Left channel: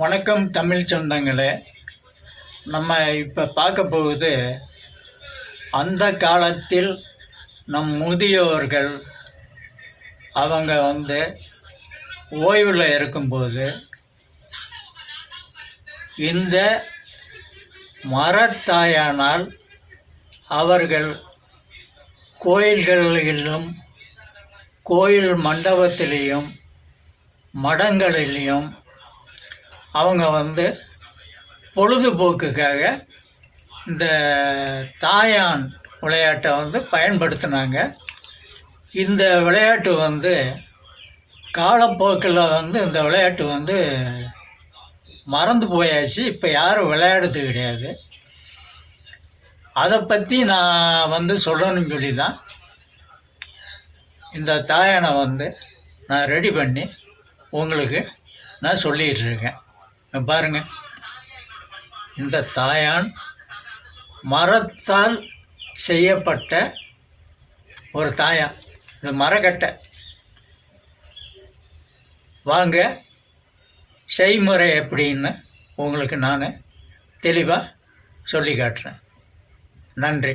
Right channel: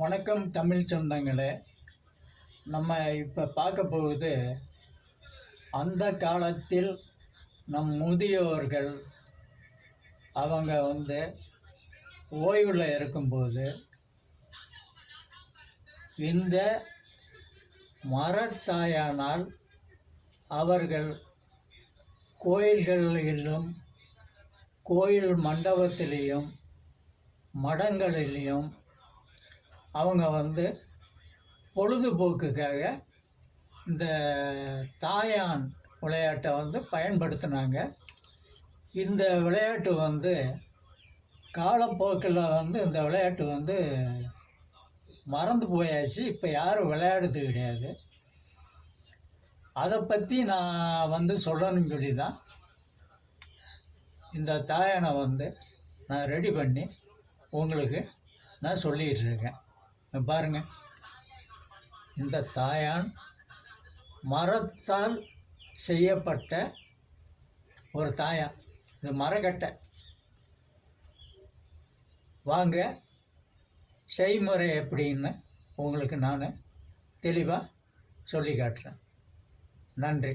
வணக்கம் தமிழ் சொந்தங்களே. நம்ம இப்போ பார்க்க போகுது, அந்த காலத்தில் நம் முதியோர்கள் அவங்க ஓய்வில் இருக்கும்போது இந்த மரத்தாயானால் அவர்கள் கோயில்களிலும் கோயில் மண்டபத்திலேயும் மடங்களிலையும் அவங்க பொழுதுபோக்குக்காக இந்த தாயான் விளையாட்டை பயன்படுத்தினாங்க. இந்த விளையாட்டு காலப்போக்கில் இந்த விளையாட்டு மறந்து போயாச்சு. இப்போ யாரும் விளையாடுறது கிடையாது. அதை பற்றி நான் சொல்லணும்னு சொல்லி தான் இந்த தாயானை நான் ரெடி பண்ணி உங்களுக்கு நான் சொல்லிகிட்ருக்கேன். பாருங்கள், இந்த தாயான் மரத்தால் செய்யப்பட்ட ஒரு தாயான். இது மரக்கட்டை. வாங்க, செய்முறை எப்படின்னு உங்களுக்கு நான் தெளிவாக சொல்லி காட்டுறேன். நன்றி.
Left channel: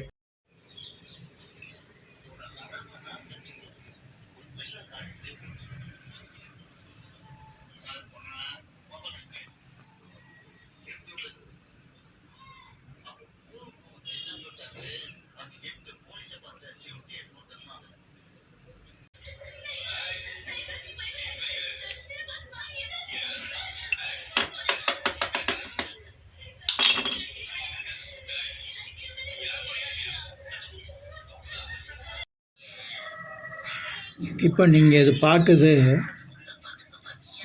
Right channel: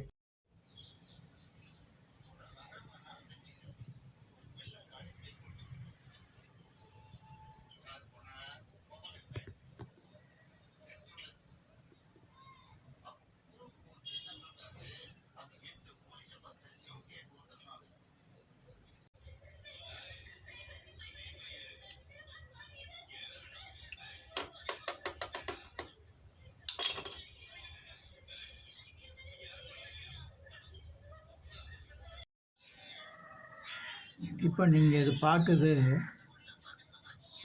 இப்போ நீங்கள் இது பார்க்குது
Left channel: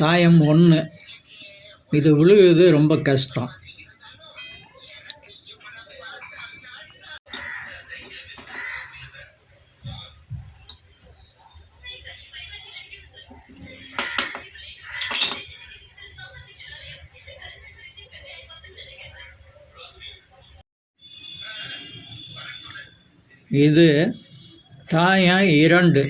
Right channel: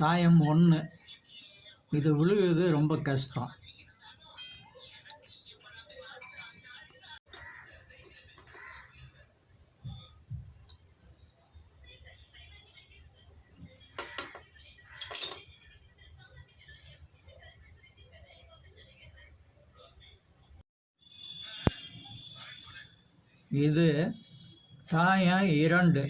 தாயம் 1. இது விழுகுது ரொம்ப கஷ்டம். இது தாயம் 2.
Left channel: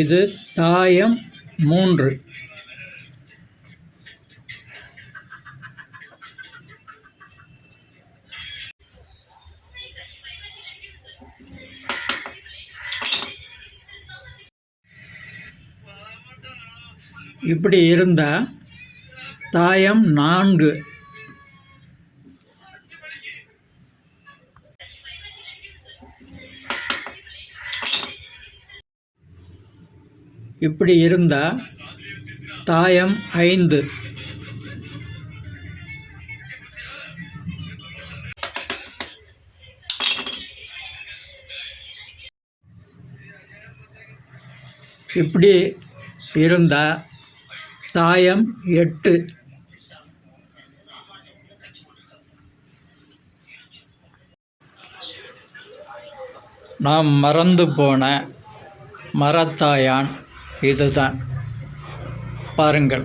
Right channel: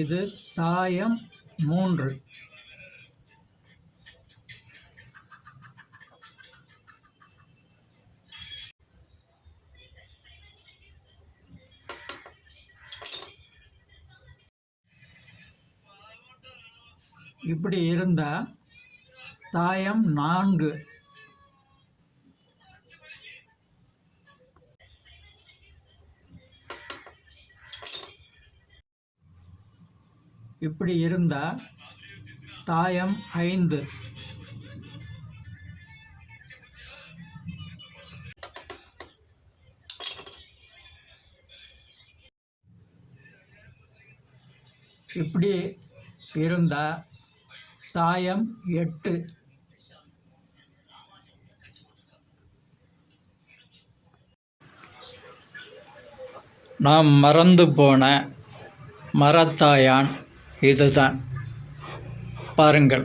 இது தாயம் 3. இப்படி இருந்தால் தாயம் 4. இப்படி இருந்தால் தாயம் 5. இப்படி இருந்தால் தாயம் 8. நாம் மறந்து போன மரத்தாயான் இதுதான். பாருங்கள்.